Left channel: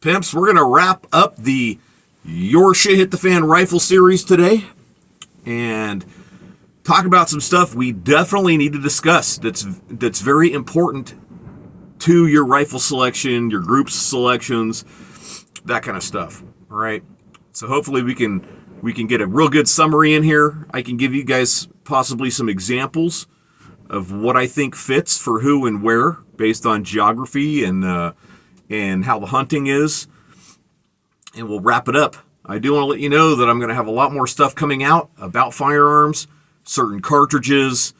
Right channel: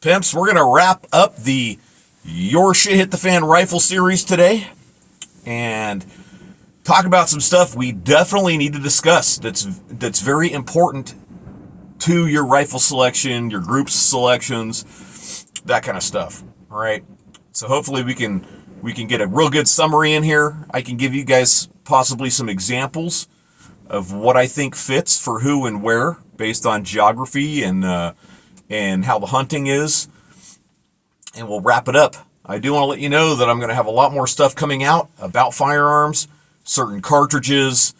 Pimps, we're going to wrap up the Your Shit Hit the Fan rifle series today and talk about some stuff we definitely need to discuss that's very important to your rifle selection, your group selections, that kind of stuff. All right. So hopefully we can get a real good summary in here. I can give you guys possibly some examples of what I think fits for who and where based on geography and how the hunting is. And we'll wrap it up. I do want to let you know that I'm going to have a lot more stuff coming out about firearms, certain cartridges,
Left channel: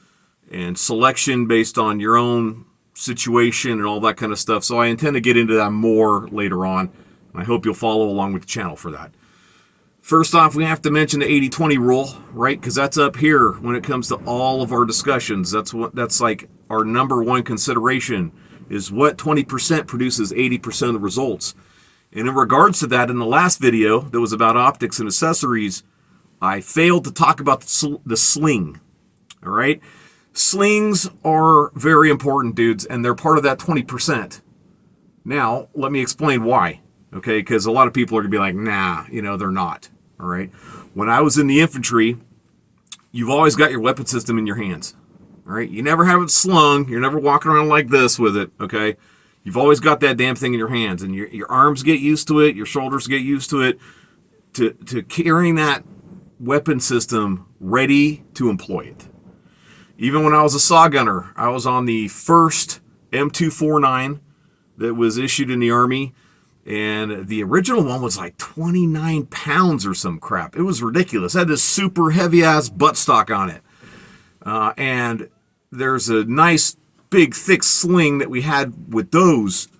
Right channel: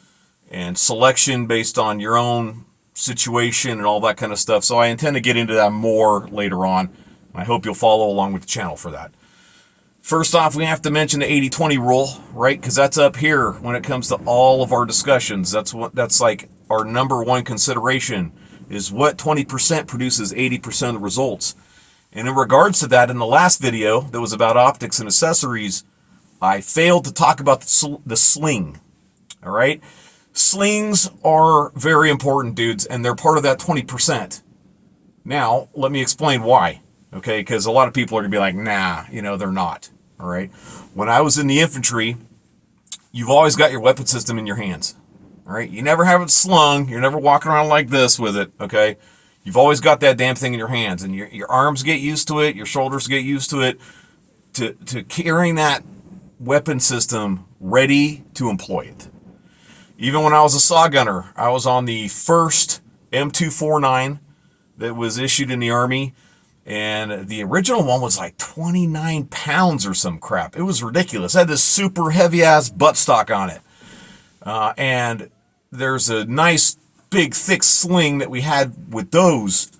and selection based on your own situation and all that kind of stuff. So I intend to get into that more later on. I hope you'll follow along with the channel for that. First off, we have to mention the 80-20 rule, right? Because that's up here when it comes to all of our discussions. That's like our number one consideration is what 20% produces 80% of the results. And in regards to that, in the last video that was about optics and accessories, I failed to talk about the sling. All right? Slings are very important, dudes, and they're part of that 20%. Now, let me explain why. Okay, because a lot of people are going to be like, nah, they're not. All right. When I was in the infantry, you've always got your weapon system in your hands. All right. You never have it slung. You're never walking around like this with it. Okay. You've always got that damn thing in your hands, and your arms get used to it. Your shoulders get used to it, to carrying that weapon system ready to employ it. Even when I was a saw gunner, I was on the first M249 that was issued in the Army. And the original one was like 29 pounds or some crap. It was ridiculous. It had this super heavy-ass buttstock on it. And there's a nice, big, thick sling that we had with those.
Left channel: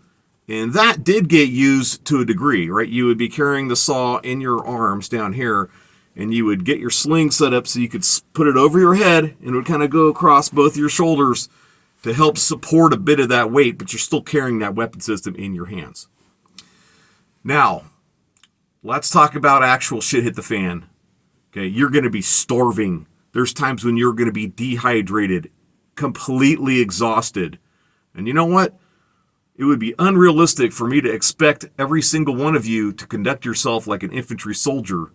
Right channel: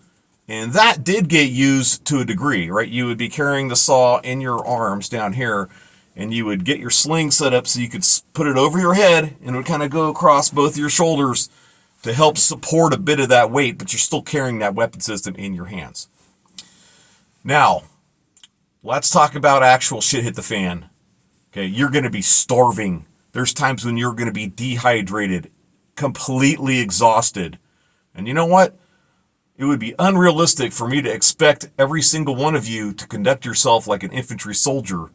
And that did get used to a degree, right? You would be carrying the saw in your arms down here, and you would get your sling set up so you could put it over your head, and it would kind of go across both your shoulders to help support a bit of that weight, but you're still carrying that weapon system in your hands. Now, let's talk about actual shit hit the fan. Okay, you're going to be starving. There's times when you're going to be dehydrated, completely exhausted. And you know what? It would be unrealistic for me to expect every single one of you to conduct yourself like an infantry soldier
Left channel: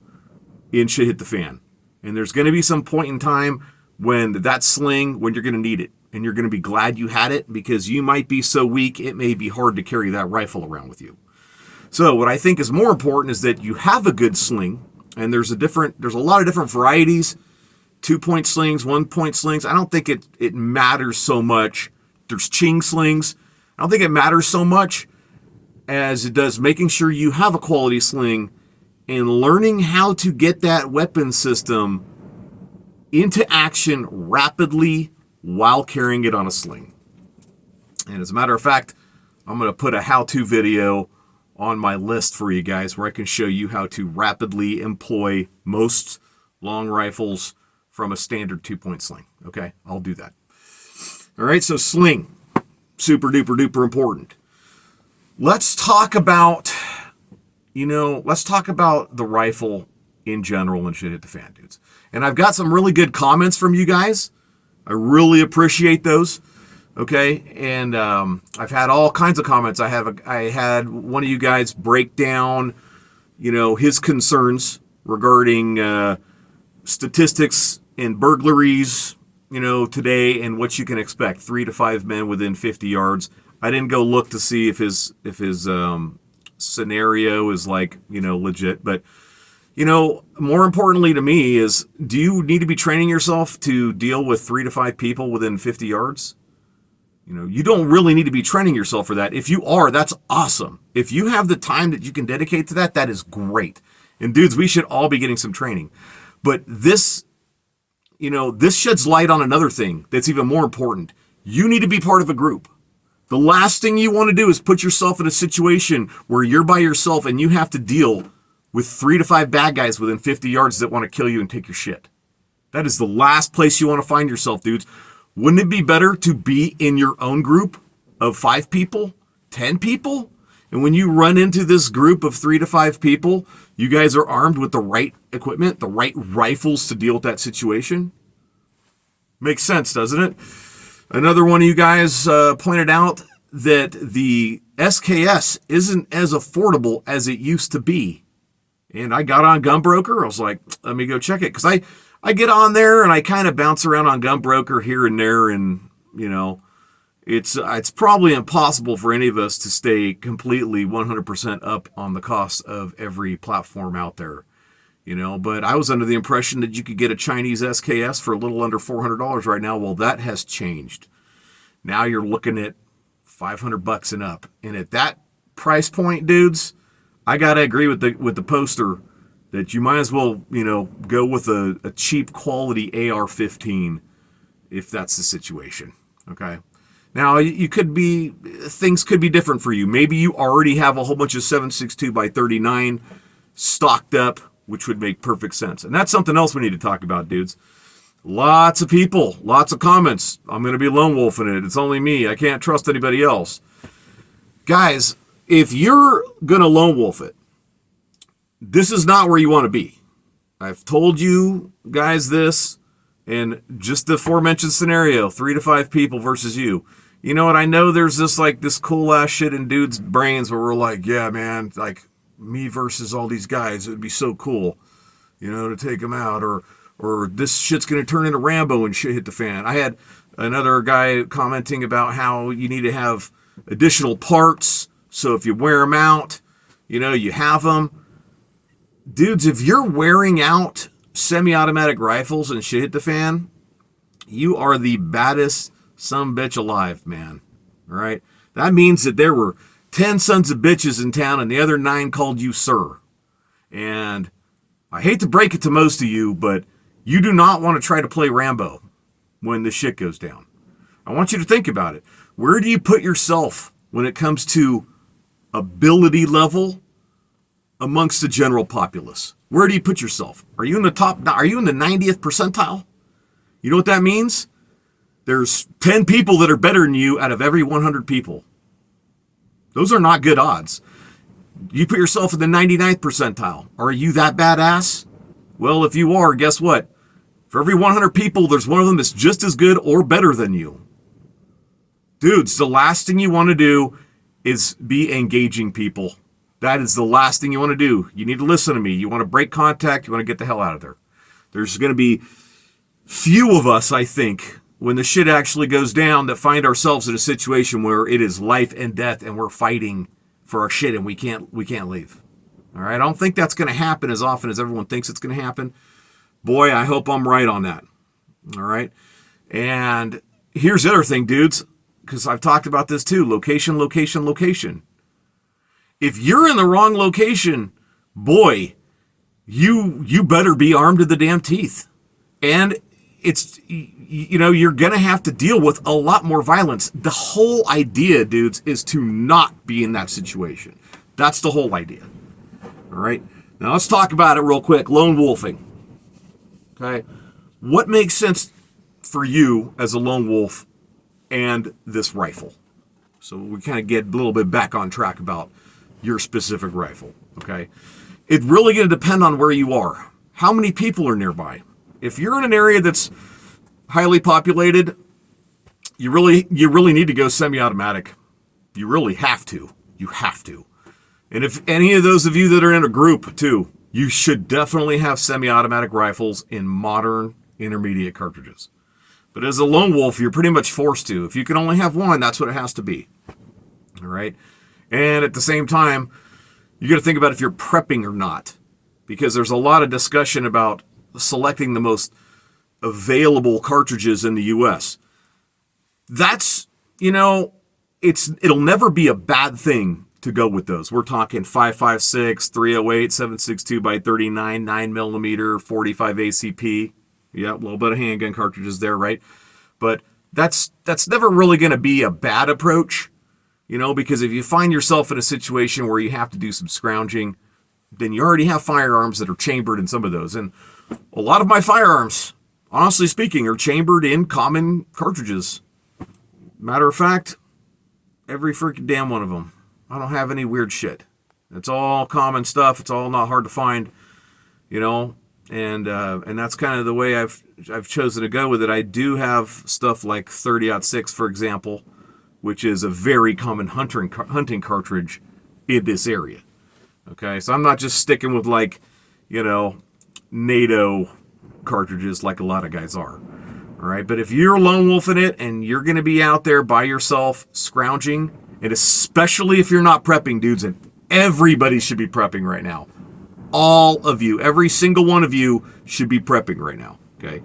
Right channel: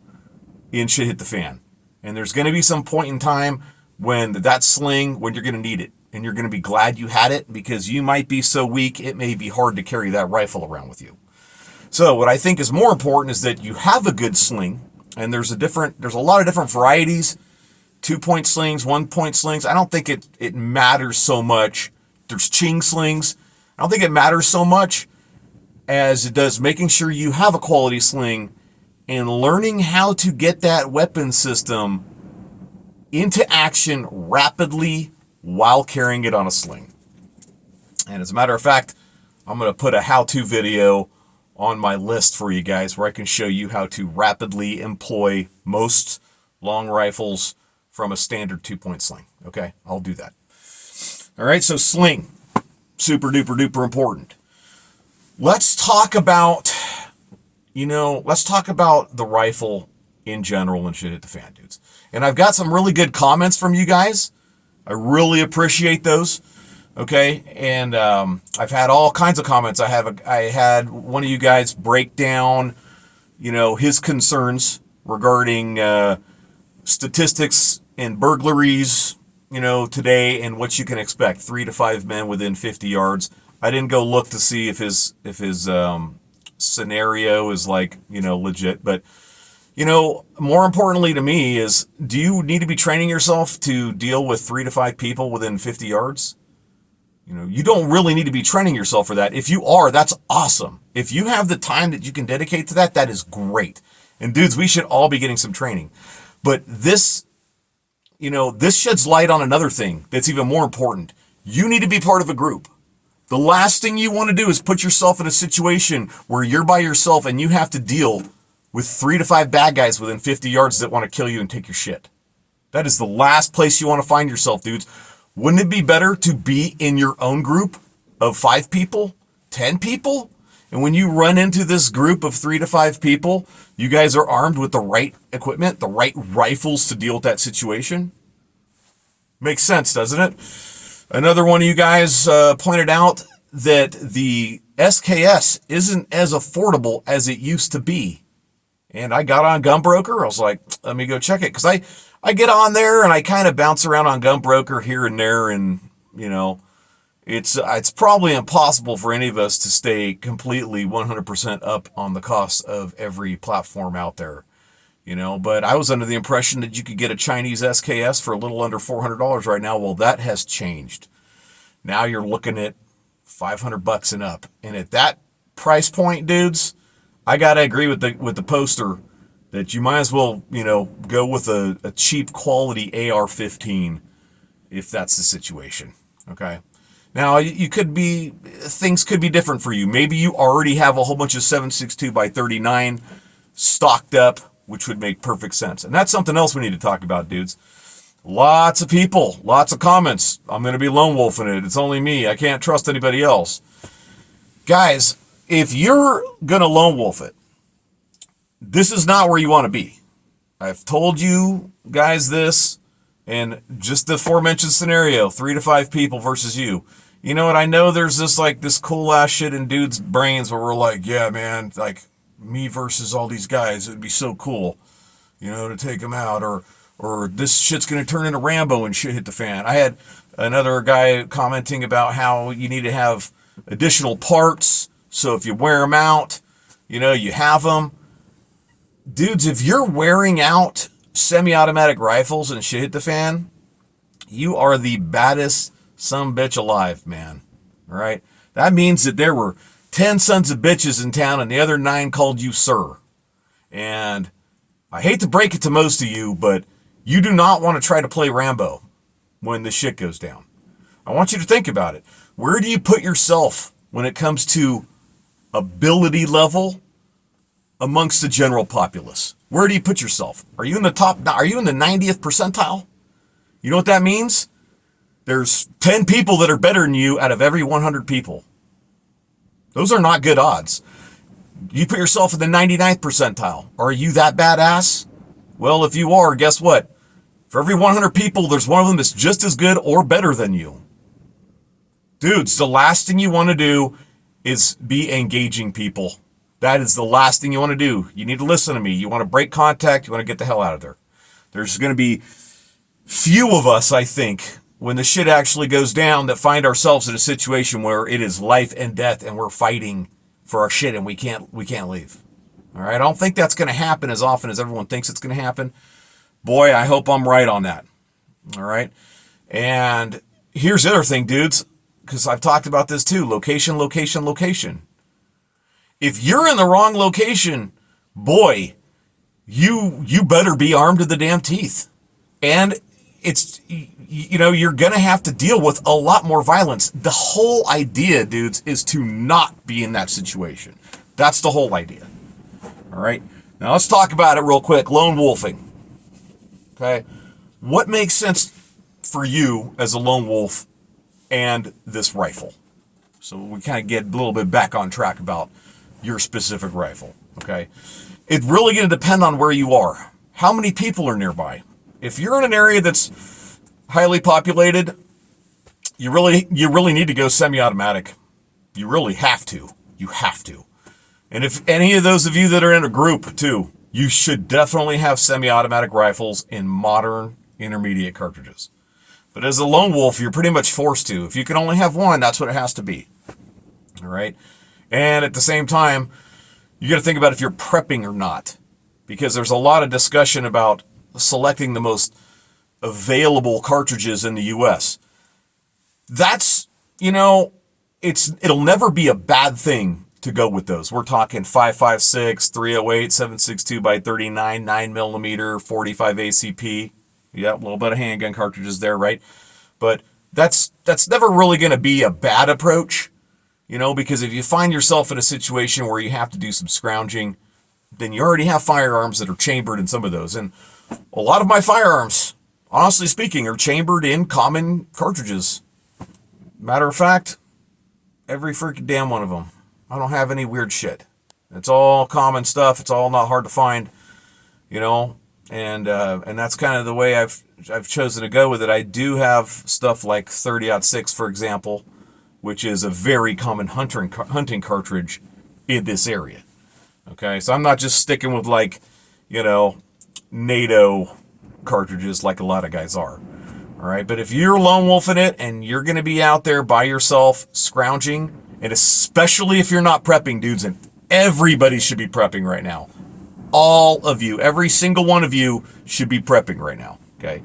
in shit hit the fan. And there's going to be some point in time when that sling, when you're going to need it. And you're going to be glad you had it because you might be so weak, it may be hard to carry that rifle around with you. So what I think is more important is that you have a good sling, and there's a lot of different varieties, 2-point slings, 1-point slings. I don't think it matters so much. There's ching slings. I don't think it matters so much as it does making sure you have a quality sling and learning how to get that weapon system into action rapidly while carrying it on a sling. And as a matter of fact, I'm going to put a how-to video on my list for you guys where I can show you how to rapidly employ most long rifles from a standard 2-point sling. Okay, I'll do that. All right, so sling, super duper duper important. Let's talk about, the rifle in general and shit hit the fan, dudes. And I've got some really good comments from you guys. I really appreciate those. Okay, and I've had all kinds of comments. I had one of you guys break down, his concerns regarding statistics and burglaries, today and what you can expect. 3 to 5 men within 50 yards. I didn't go look to see if his scenario is legit, but more importantly to me is, do you need to be training yourself to deal with 3 to 5 people within 50 yards? You don't really need to be training yourself for that. If you are, that's awesome. If you have the time that you can dedicate to that, that is great. And dudes, we should all be getting some training. But this sheds light on another thing that's even more important. You need to be part of a group. The last thing you want to do is put yourself in a situation where you're by yourself and you have to deal with 3 to 5 bad guys within 50 yards that want to kill you and take your shit. That is the last place you want to find yourself, dudes. Wouldn't it be better to be in your own group of 5 people, 10 people? And when you run into this group of 3 to 5 people, you guys are armed with the right equipment, the right rifles to deal with that situation? Makes sense, doesn't it? Another one of you guys pointed out that the SKS isn't as affordable as it used to be. And I got on Gunbroker. I was like, let me go check it. Because I get on there and I kind of bounce around on Gunbroker here and there. And, it's probably impossible for any of us to stay completely 100% up on the cost of every platform out there. But I was under the impression that you could get a Chinese SKS for a little under $400 right now. Well, that has changed. Now you're looking at $500 and up. And at that price point, dudes, I got to agree with the poster that you might as well, go with a cheap quality AR-15 if that's the situation. Okay. Now, things could be different for you. Maybe you already have a whole bunch of 7.62 by 39 stocked up, which would make perfect sense. And that's something else we need to talk about, dudes. Lots of people, lots of comments. I'm going to be lone wolfing it. It's only me. I can't trust anybody else. Guys, if you're going to lone wolf it, this is not where you want to be. I've told you guys this, and just the aforementioned scenario, 3 to 5 people versus you. You know what? I know there's this cool ass shit in dudes' brains where we're like, yeah, man, like me versus all these guys. It'd be so cool, to take them out, or this shit's going to turn into Rambo and shit hit the fan. I had another guy commenting about how you need to have additional parts. So if you wear them out, you have them. Dudes, if you're wearing out semi-automatic rifles and shit hit the fan, you are the baddest sumbitch alive, man. All right? That means that there were 10 sons of bitches in town and the other 9 called you sir. And I hate to break it to most of you, but you do not want to try to play Rambo when the shit goes down. I want you to think about it. Where do you put yourself when it comes to ability level amongst the general populace? Where do you put yourself? Are you in the 90th percentile? You know what that means? There's 10 people that are better than you out of every 100 people. Those are not good odds. You put yourself in the 99th percentile. Are you that badass? Well, if you are, guess what? For every 100 people, there's one of them that's just as good or better than you. Dudes, the last thing you want to do is be engaging people. That is the last thing you want to do. You need to listen to me. You want to break contact. You want to get the hell out of there. There's going to be few of us, I think, when the shit actually goes down, that find ourselves in a situation where it is life and death and we're fighting for our shit and we can't leave. All right. I don't think that's going to happen as often as everyone thinks it's going to happen. Boy, I hope I'm right on that. All right. And here's the other thing, dudes, because I've talked about this too. Location, location, location. If you're in the wrong location, boy, you better be armed to the damn teeth. And it's, you're going to have to deal with a lot more violence. The whole idea, dudes, is to not be in that situation. That's the whole idea. All right. Now let's talk about it real quick. Lone wolfing. Okay. What makes sense for you as a lone wolf and this rifle? So we kind of get a little bit back on track about your specific rifle. Okay. It's really going to depend on where you are. How many people are nearby? If you're in an area that's highly populated, you really need to go semi-automatic. You really have to. You have to. And if any of those of you that are in a group too, you should definitely have semi-automatic rifles in modern intermediate cartridges. But as a lone wolf, you're pretty much forced to. If you can only have one, that's what it has to be. All right. And at the same time, you got to think about if you're prepping or not, because there's a lot of discussion about selecting the most available cartridges in the US. That's, it'll never be a bad thing to go with those. We're talking 5.56, 308, 7.62 by 39, 9mm, 45 ACP. Yeah, a little bit of handgun cartridges there, right? But that's never really going to be a bad approach, because if you find yourself in a situation where you have to do some scrounging, then you already have firearms that are chambered in some of those. And a lot of my firearms, honestly speaking, are chambered in common cartridges. Matter of fact, every freaking damn one of them. I don't have any weird shit. It's all common stuff. It's all not hard to find, and that's kind of the way I've chosen to go with it. I do have stuff like 30-06, for example, which is a very common hunting cartridge in this area. Okay, so I'm not just sticking with like, NATO cartridges like a lot of guys are. All right, but if you're lone wolfing it and you're going to be out there by yourself scrounging, and especially if you're not prepping, dudes, and everybody should be prepping right now. All of you, every single one of you should be prepping right now, okay?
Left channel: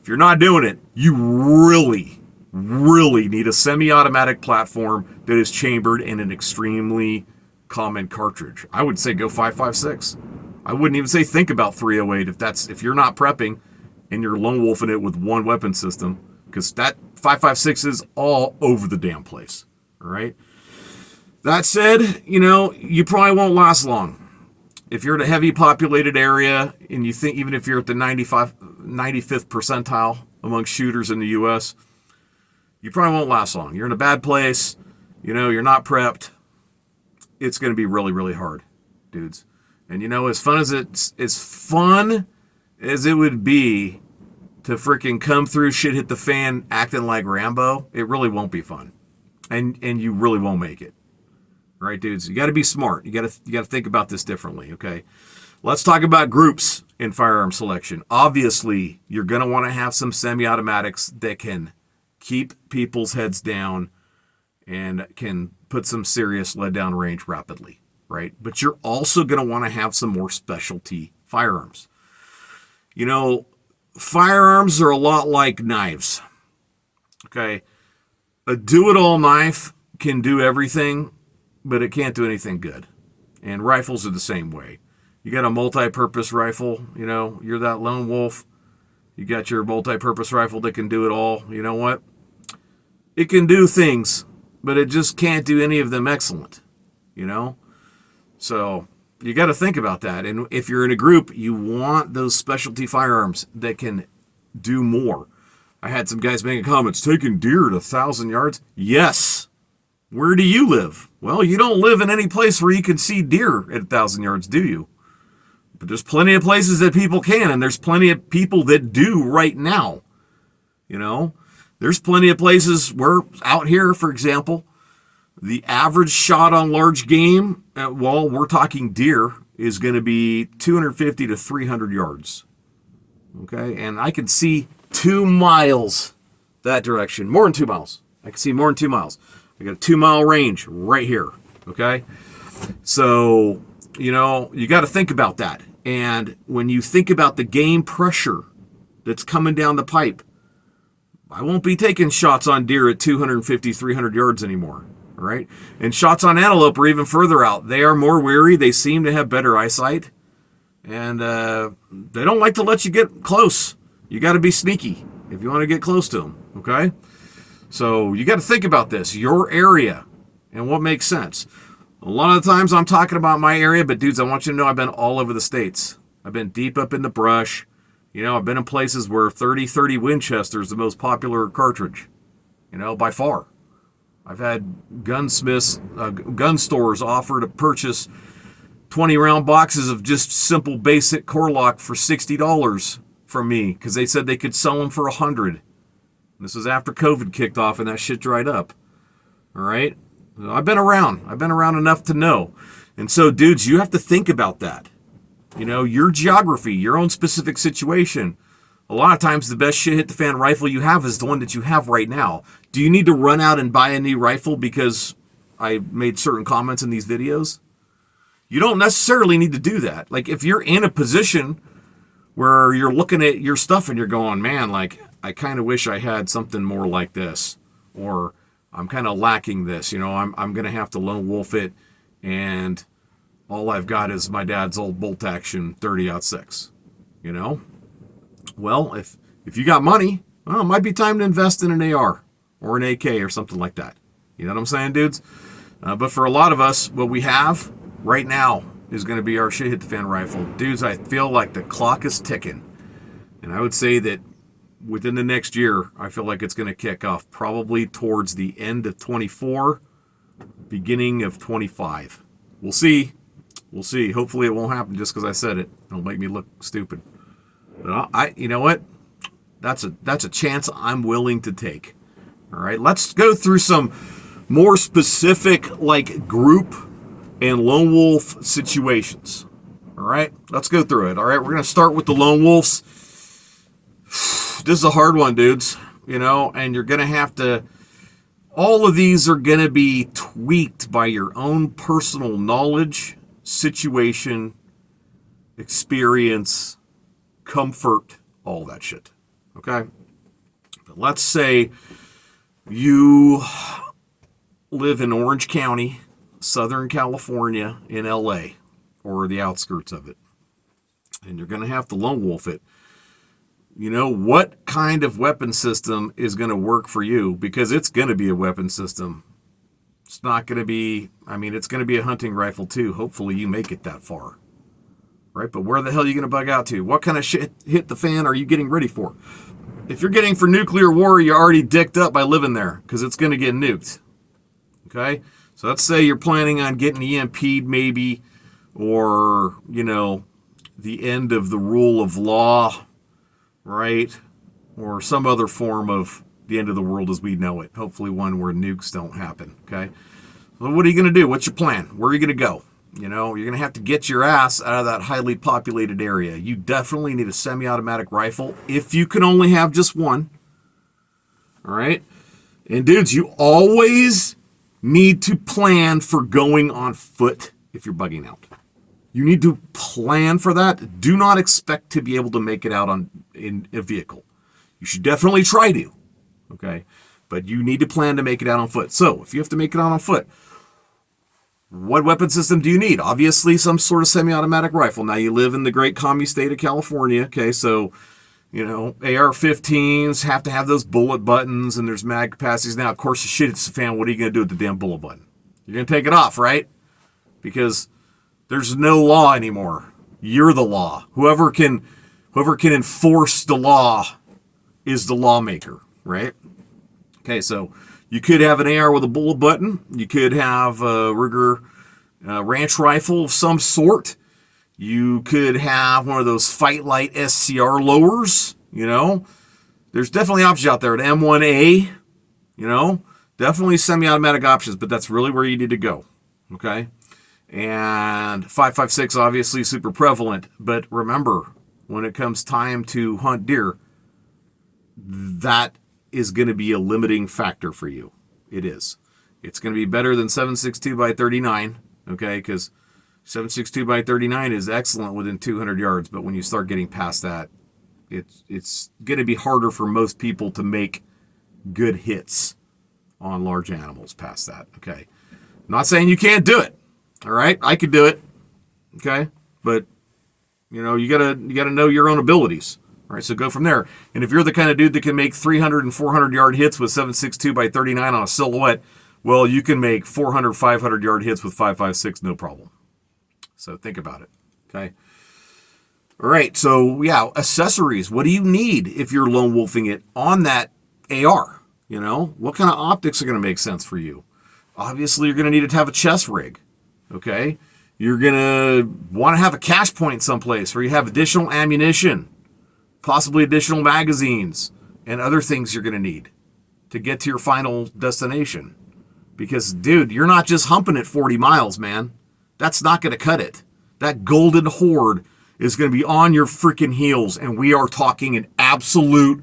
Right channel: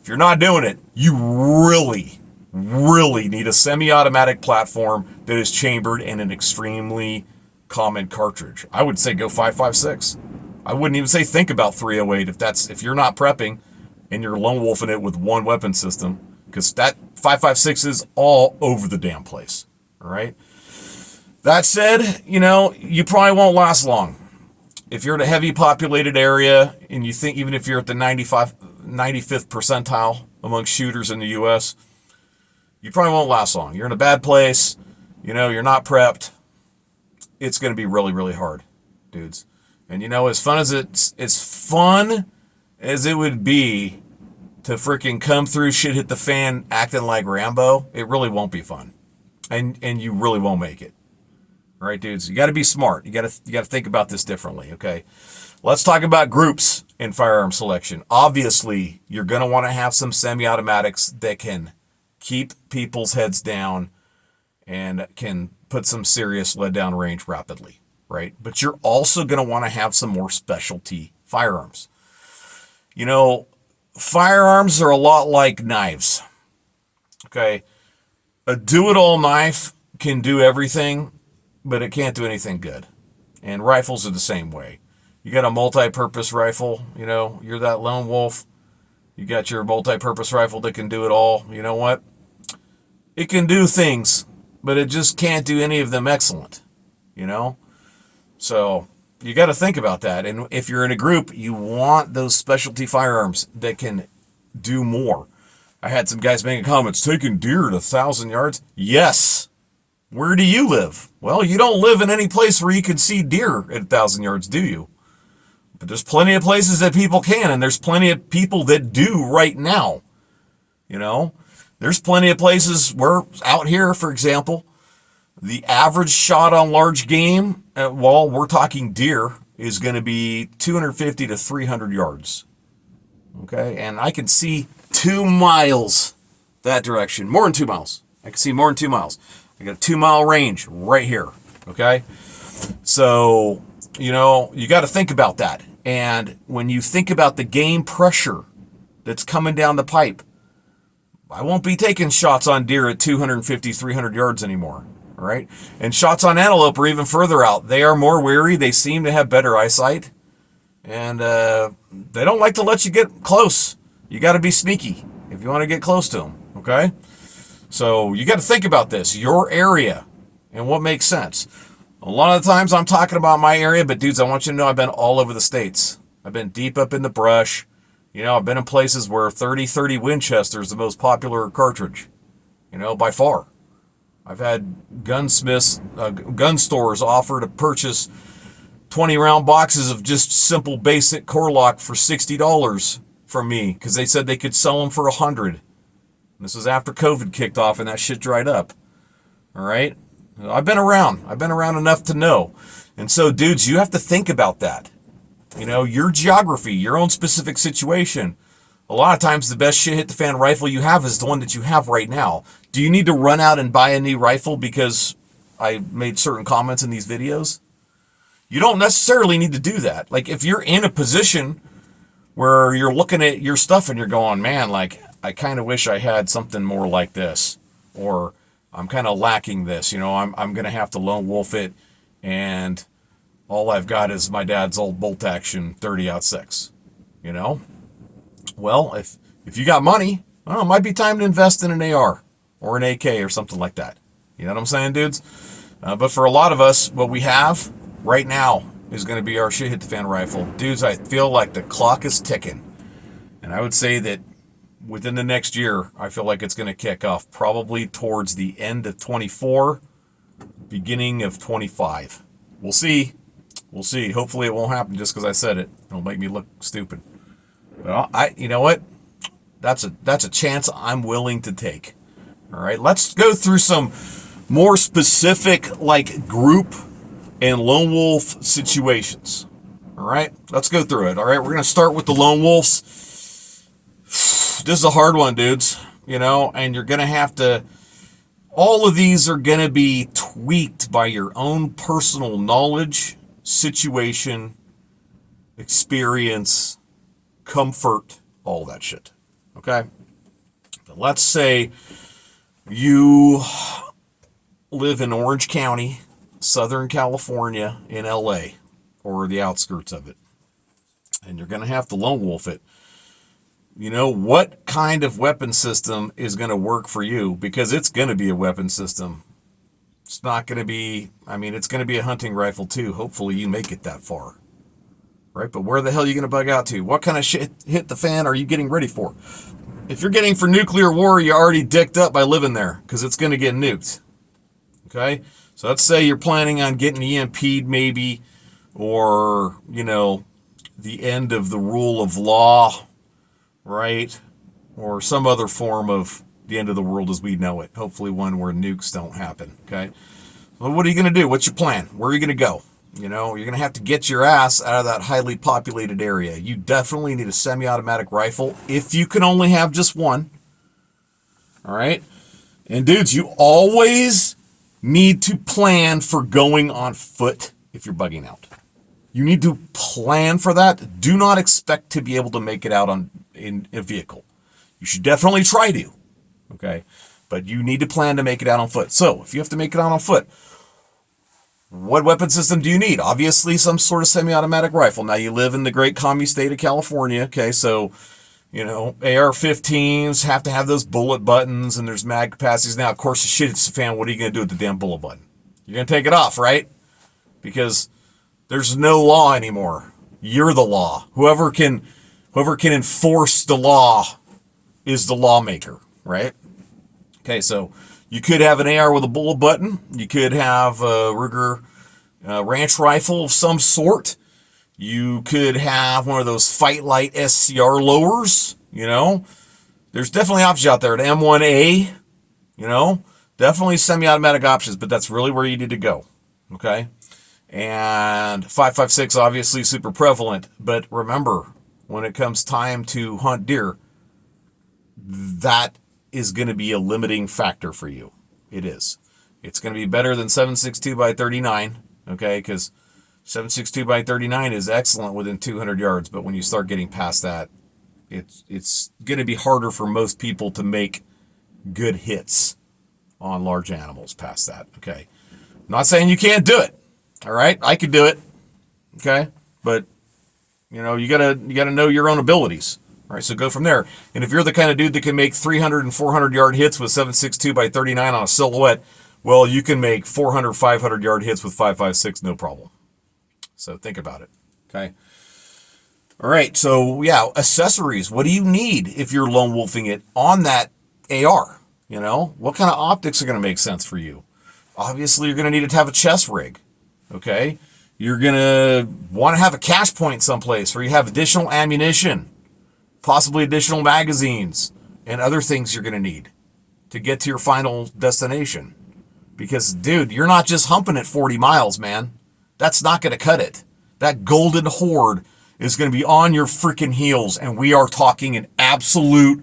If you're not doing it, you really, really need a semi-automatic platform that is chambered in an extremely common cartridge. I would say go 5.56. I wouldn't even say think about 308 if you're not prepping and you're lone wolfing it with one weapon system, because that 5.56 is all over the damn place, all right? That said, you probably won't last long. If you're in a heavy populated area and you think even if you're at the 95th percentile among shooters in the U.S., you probably won't last long. You're in a bad place, you're not prepped. It's going to be really, really hard, dudes. And as fun as it would be to freaking come through shit hit the fan acting like Rambo, it really won't be fun. And you really won't make it. All right, dudes, you got to be smart. You got to think about this differently, okay? Let's talk about groups in firearm selection. Obviously, you're going to want to have some semi-automatics that can keep people's heads down and can put some serious lead down range rapidly, right? But you're also going to want to have some more specialty firearms. Firearms are a lot like knives, okay? A do-it-all knife can do everything, but it can't do anything good. And rifles are the same way. You got a multi-purpose rifle, you're that lone wolf. You got your multi-purpose rifle that can do it all. You know what? It can do things, but it just can't do any of them excellent, So you got to think about that. And if you're in a group, you want those specialty firearms that can do more. I had some guys making comments, taking deer at 1,000 yards. Yes. Where do you live? Well, you don't live in any place where you can see deer at 1,000 yards, do you? But there's plenty of places that people can, and there's plenty of people that do right now. There's plenty of places where out here, for example, the average shot on large game, we're talking deer, is going to be 250 to 300 yards. Okay, and I can see 2 miles that direction, more than 2 miles. I can see more than 2 miles. I got a 2 mile range right here. Okay. So, you got to think about that. And when you think about the game pressure that's coming down the pipe, I won't be taking shots on deer at 250, 300 yards anymore. All right. And shots on antelope are even further out. They are more wary. They seem to have better eyesight. And they don't like to let you get close. You got to be sneaky if you want to get close to them. Okay. So you got to think about this, your area, and what makes sense. A lot of the times I'm talking about my area, but dudes, I want you to know I've been all over the states. I've been deep up in the brush. I've been in places where 30 Winchester is the most popular cartridge, by far. I've had gunsmiths, gun stores offer to purchase 20-round boxes of just simple basic core lock for $60 from me because they said they could sell them for $100. This was after COVID kicked off and that shit dried up. All right? I've been around. I've been around enough to know. And so, dudes, you have to think about that. Your geography, your own specific situation. A lot of times the best shit hit the fan rifle you have is the one that you have right now. Do you need to run out and buy a new rifle because I made certain comments in these videos? You don't necessarily need to do that. Like, if you're in a position where you're looking at your stuff and you're going, man, like, I kind of wish I had something more like this, or I'm kind of lacking this, I'm going to have to lone wolf it, and all I've got is my dad's old bolt action 30-06, Well, if you got money, well, it might be time to invest in an AR or an AK or something like that. You know what I'm saying, dudes? But for a lot of us, what we have right now is going to be our shit hit the fan rifle. Dudes, I feel like the clock is ticking, and I would say that within the next year, I feel like it's going to kick off probably towards the end of 24, beginning of 25. We'll see. We'll see. Hopefully it won't happen just because I said it. It'll make me look stupid. But you know what? That's a chance I'm willing to take. All right, let's go through some more specific like group and lone wolf situations. All right, let's go through it. All right, we're going to start with the lone wolves. This is a hard one, dudes, and you're going to have to, all of these are going to be tweaked by your own personal knowledge, situation, experience, comfort, all that shit. Okay? But let's say you live in Orange County, Southern California, in LA, or the outskirts of it, and you're going to have to lone wolf it. What kind of weapon system is going to work for you? Because it's going to be a weapon system. It's not going to be, it's going to be a hunting rifle too. Hopefully you make it that far. Right? But where the hell are you going to bug out to? What kind of shit hit the fan are you getting ready for? If you're getting for nuclear war, you're already dicked up by living there because it's going to get nuked. Okay? So let's say you're planning on getting EMP'd maybe, or, the end of the rule of law, right? Or some other form of the end of the world as we know it. Hopefully one where nukes don't happen, okay? Well, what are you going to do? What's your plan? Where are you going to go? You're going to have to get your ass out of that highly populated area. You definitely need a semi-automatic rifle if you can only have just one, all right? And dudes, you always need to plan for going on foot if you're bugging out. You need to plan for that. Do not expect to be able to make it out in a vehicle. You should definitely try to, okay? But you need to plan to make it out on foot. So if you have to make it out on foot, what weapon system do you need? Obviously, some sort of semi-automatic rifle. Now, you live in the great commie state of California, okay? So, AR-15s have to have those bullet buttons, and there's mag capacities. Now, of course, the shit hits the fan. What are you going to do with the damn bullet button? You're going to take it off, right? Because there's no law anymore. You're the law. Whoever can enforce the law is the lawmaker, right? Okay, so you could have an AR with a bullet button. You could have a Ruger ranch rifle of some sort. You could have one of those Fight Light SCR lowers, There's definitely options out there. An M1A, Definitely semi-automatic options, but that's really where you need to go, okay? And 5.56 obviously super prevalent, but remember, when it comes time to hunt deer, that is going to be a limiting factor for you. It is. It's going to be better than 7.62 by 39, okay? Because 7.62 by 39 is excellent within 200 yards, but when you start getting past that, it's going to be harder for most people to make good hits on large animals past that, okay? I'm not saying you can't do it. All right, I could do it, okay, but you gotta know your own abilities. All right, so go from there. And if you're the kind of dude that can make 300 and 400 yard hits with 7.62 by 39 on a silhouette, well, you can make 400, 500 yard hits with 5.56, no problem. So think about it, okay. All right, so yeah, accessories. What do you need if you're lone wolfing it on that AR? What kind of optics are going to make sense for you? Obviously, you're going to need to have a chest rig. Okay, you're going to want to have a cache point someplace where you have additional ammunition, possibly additional magazines, and other things you're going to need to get to your final destination. Because, dude, you're not just humping at 40 miles, man. That's not going to cut it. That golden horde is going to be on your freaking heels, and we are talking an absolute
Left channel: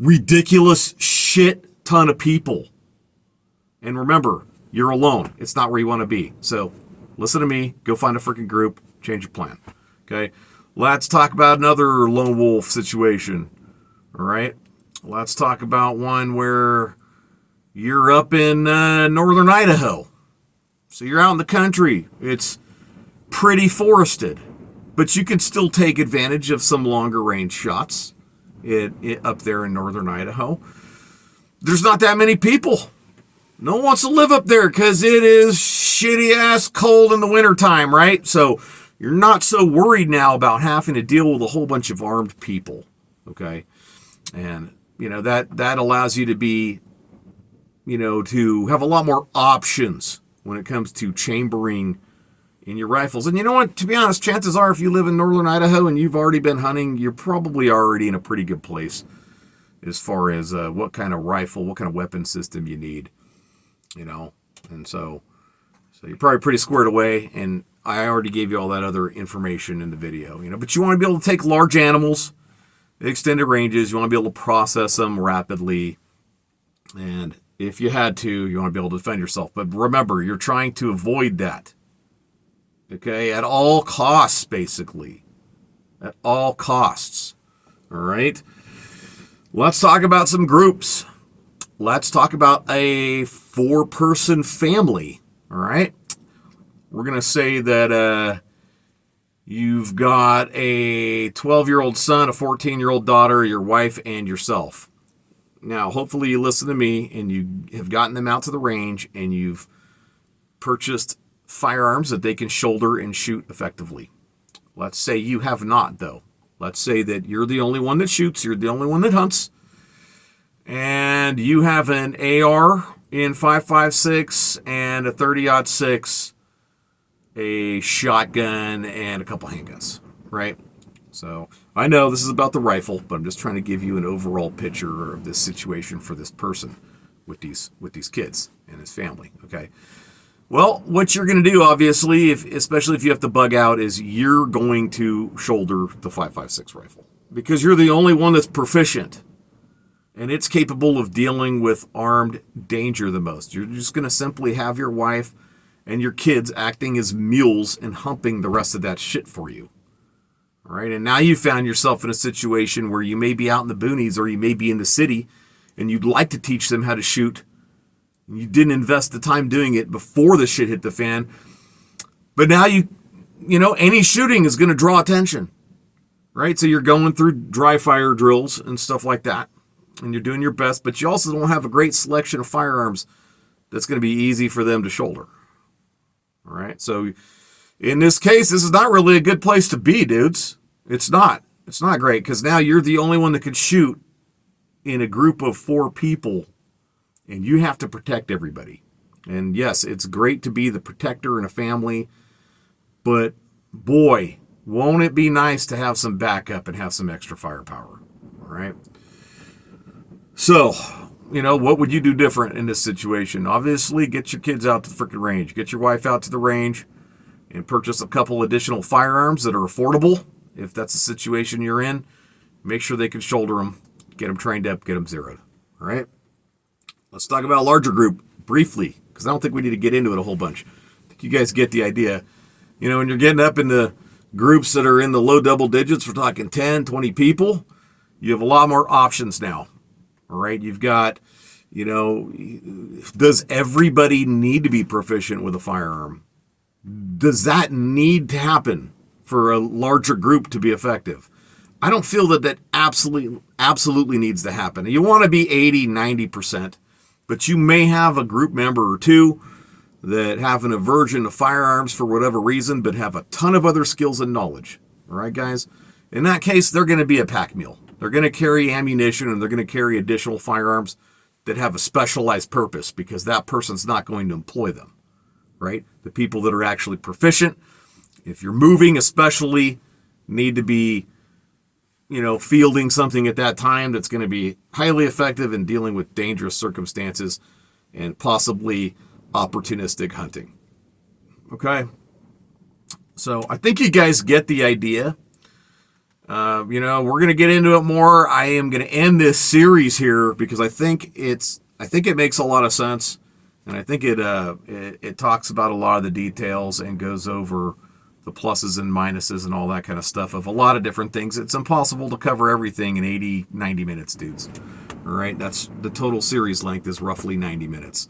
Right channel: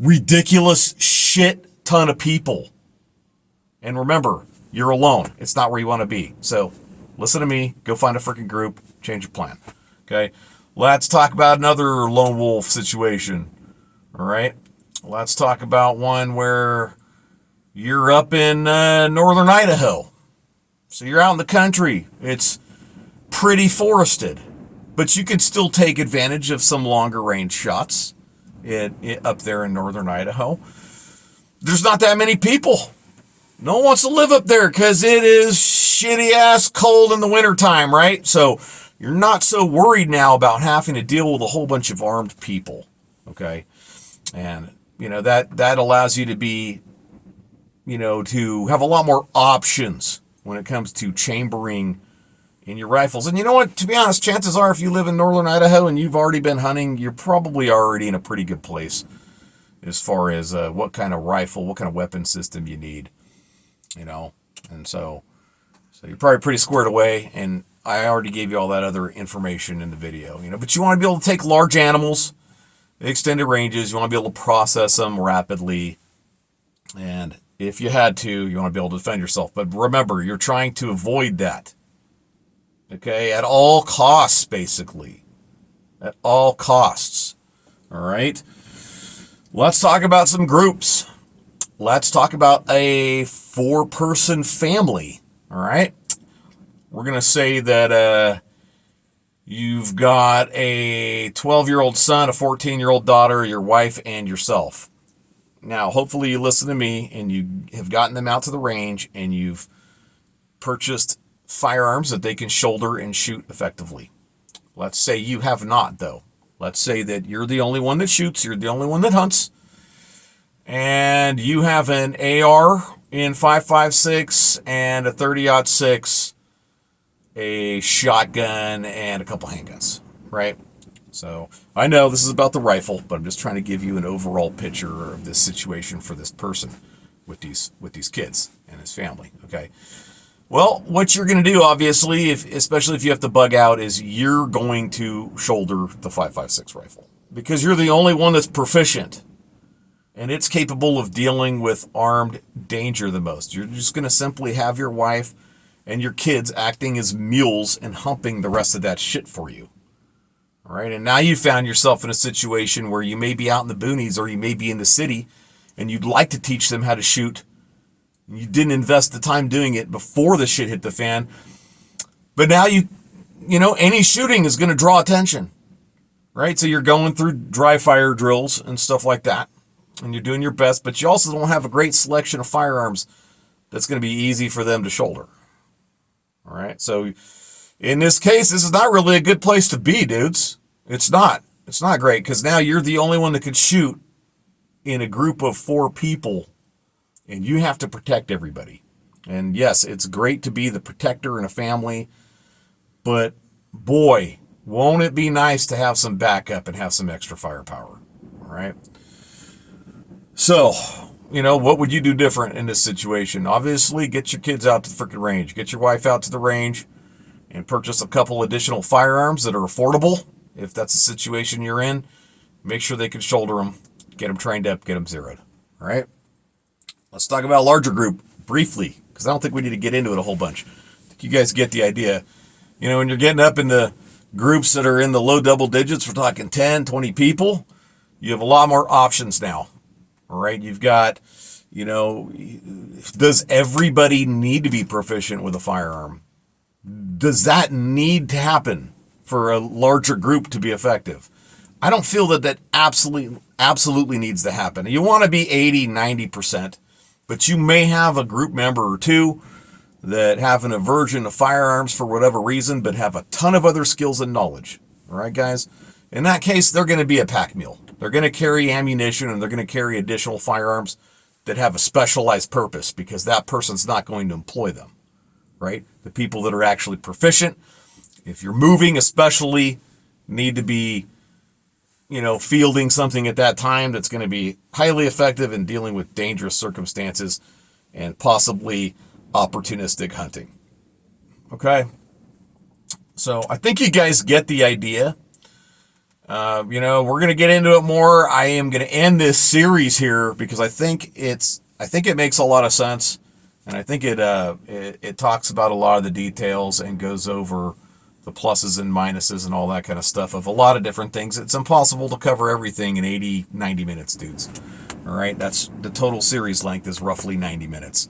ridiculous shit ton of people. And remember, you're alone. It's not where you want to be. So listen to me. Go find a freaking group. Change your plan. Okay? Let's talk about another lone wolf situation. All right? Let's talk about one where you're up in northern Idaho. So you're out in the country. It's pretty forested. But you can still take advantage of some longer range shots up there in northern Idaho. There's not that many people. No one wants to live up there because it is shitty ass cold in the wintertime, right? So you're not so worried now about having to deal with a whole bunch of armed people, okay? And, that allows you to be, to have a lot more options when it comes to chambering in your rifles. And you know what? To be honest, chances are if you live in northern Idaho and you've already been hunting, you're probably already in a pretty good place as far as what kind of rifle, what kind of weapon system you need. you know, and so you're probably pretty squared away, and I already gave you all that other information in the video, you know, but you want to be able to take large animals, extended ranges, you want to be able to process them rapidly, and if you had to, you want to be able to defend yourself. But remember, you're trying to avoid that, okay, at all costs, basically, at all costs, all right? Let's talk about some groups. Let's talk about a 4-person family, all right? We're going to say that you've got a 12-year-old son, a 14-year-old daughter, your wife, and yourself. Now, hopefully you listen to me and you have gotten them out to the range and you've purchased firearms that they can shoulder and shoot effectively. Let's say you have not, though. Let's say that you're the only one that shoots, you're the only one that hunts, and you have an AR in 5.56 and a 30-06, a shotgun, and a couple handguns, right? So I know this is about the rifle, but I'm just trying to give you an overall picture of this situation for this person with these kids and his family, okay? Well, what you're going to do, obviously, especially if you have to bug out, is you're going to shoulder the 5.56 rifle because you're the only one that's proficient and it's capable of dealing with armed danger the most. You're just going to simply have your wife and your kids acting as mules and humping the rest of that shit for you. All right, and now you found yourself in a situation where you may be out in the boonies or you may be in the city and you'd like to teach them how to shoot. You didn't invest the time doing it before the shit hit the fan. But now you know, any shooting is going to draw attention, right? So you're going through dry fire drills and stuff like that, and you're doing your best, but you also don't have a great selection of firearms that's going to be easy for them to shoulder. All right, so in this case, this is not really a good place to be, dudes. It's not. It's not great because now you're the only one that could shoot in a group of 4 people, and you have to protect everybody. And yes, it's great to be the protector in a family, but boy, won't it be nice to have some backup and have some extra firepower, all right? So, you know, what would you do different in this situation? Obviously, get your kids out to the freaking range. Get your wife out to the range and purchase a couple additional firearms that are affordable. If that's the situation you're in, make sure they can shoulder them, get them trained up, get them zeroed. All right. Let's talk about a larger group briefly, because I don't think we need to get into it a whole bunch. I think you guys get the idea. You know, when you're getting up into groups that are in the low double digits, we're talking 10, 20 people, you have a lot more options now. All right. You've got, you know, does everybody need to be proficient with a firearm? Does that need to happen for a larger group to be effective? I don't feel that absolutely needs to happen. You want to be 80, 90%, but you may have a group member or two that have an aversion to firearms for whatever reason, but have a ton of other skills and knowledge. All right, guys? In that case, they're going to be a pack mule. They're going to carry ammunition and they're going to carry additional firearms that have a specialized purpose because that person's not going to employ them, right? The people that are actually proficient, if you're moving especially, need to be, you know, fielding something at that time that's going to be highly effective in dealing with dangerous circumstances and possibly opportunistic hunting. Okay? So I think you guys get the idea. You know, we're going to get into it more. I am going to end this series here because I think it makes a lot of sense. And I think it talks about a lot of the details and goes over the pluses and minuses and all that kind of stuff of a lot of different things. It's impossible to cover everything in 80, 90 minutes, dudes. All right, that's the total series length is roughly 90 minutes.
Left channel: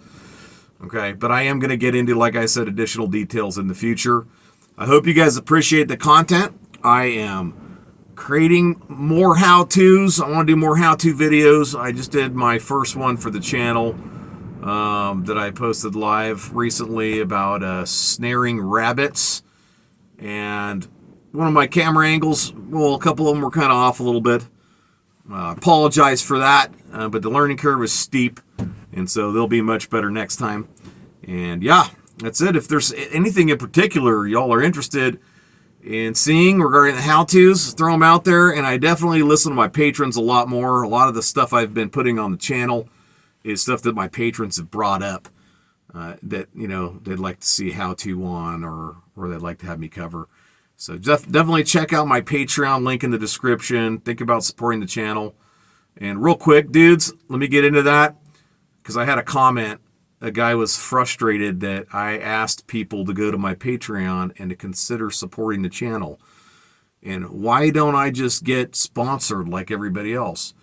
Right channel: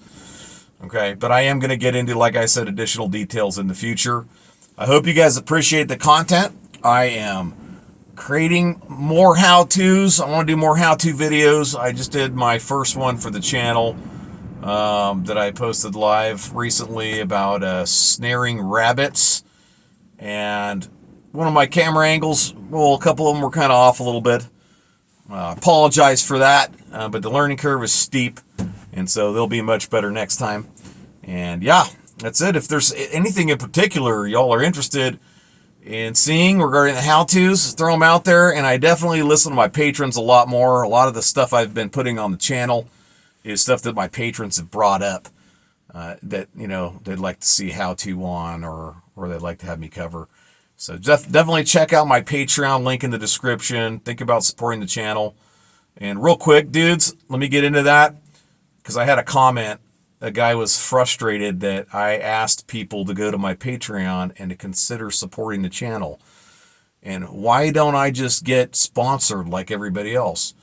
Okay, but I am going to get into, like I said, additional details in the future. I hope you guys appreciate the content. I am creating more how-tos. I want to do more how-to videos. I just did my first one for the channel that I posted live recently about snaring rabbits. And one of my camera angles, well, a couple of them were kind of off a little bit. Apologize for that, but the learning curve is steep, and so they'll be much better next time. And yeah, that's it. If there's anything in particular y'all are interested in seeing regarding the how-tos, throw them out there. And I definitely listen to my patrons a lot more. A lot of the stuff I've been putting on the channel is stuff that my patrons have brought up. that, they'd like to see how to on, or they'd like to have me cover. So definitely check out my Patreon link in the description. Think about supporting the channel. And real quick, dudes, let me get into that, because I had a comment. A guy was frustrated that I asked people to go to my Patreon and to consider supporting the channel. And why don't I just get sponsored like everybody else?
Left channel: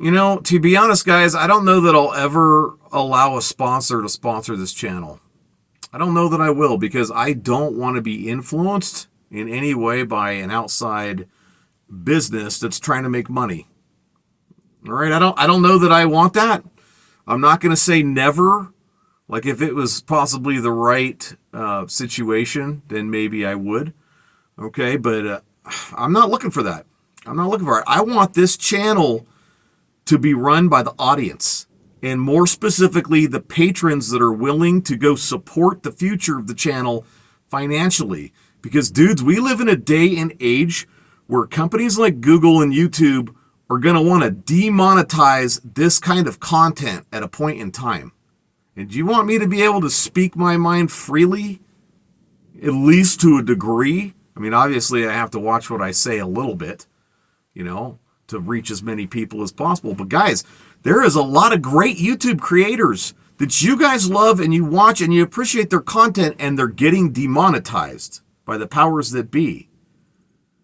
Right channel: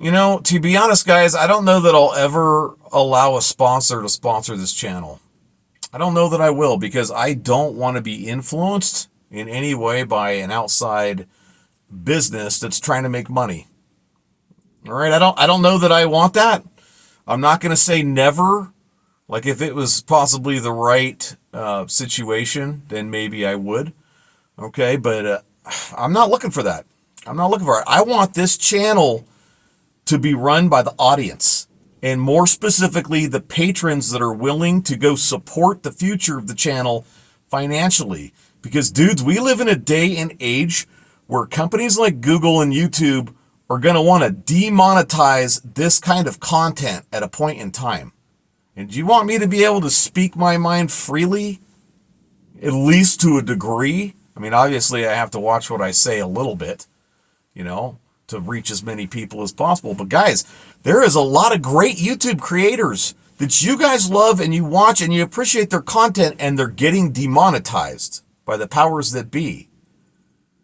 To be honest, guys, I don't know that I'll ever allow a sponsor to sponsor this channel. I don't know that I will, because I don't want to be influenced in any way by an outside business that's trying to make money. All right, I don't know that I want that. I'm not going to say never. Like, if it was possibly the right situation, then maybe I would. Okay, but I'm not looking for that. I'm not looking for it. I want this channel to be run by the audience, and more specifically, the patrons that are willing to go support the future of the channel financially. Because, dudes, we live in a day and age where companies like Google and YouTube are going to want to demonetize this kind of content at a point in time. And do you want me to be able to speak my mind freely, at least to a degree? I mean, obviously, I have to watch what I say a little bit, to reach as many people as possible. But guys, there is a lot of great YouTube creators that you guys love and you watch and you appreciate their content, and they're getting demonetized by the powers that be.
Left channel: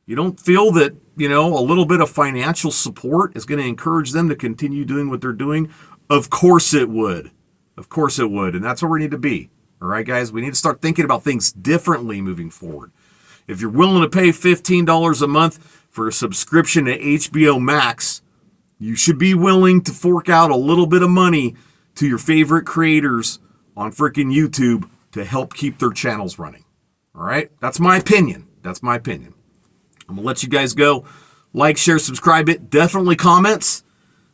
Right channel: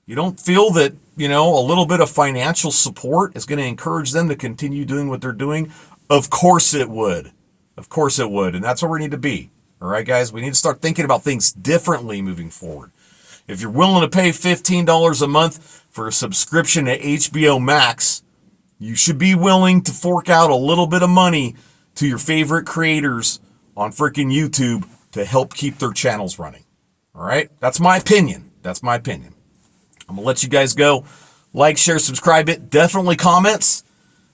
You don't feel that, a little bit of financial support is going to encourage them to continue doing what they're doing? Of course it would. Of course it would. And that's where we need to be. All right, guys, we need to start thinking about things differently moving forward. If you're willing to pay $15 a month for a subscription to HBO Max, you should be willing to fork out a little bit of money to your favorite creators on freaking YouTube to help keep their channels running. All right? That's my opinion. That's my opinion. I'm going to let you guys go. Like, share, subscribe it. Definitely comments.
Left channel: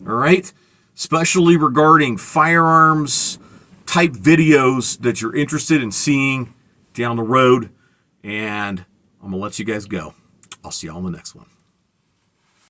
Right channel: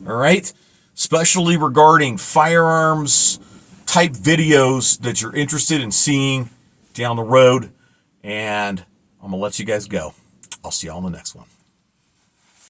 All right? Especially regarding firearms type videos that you're interested in seeing down the road. And I'm going to let you guys go. I'll see you all in the next one.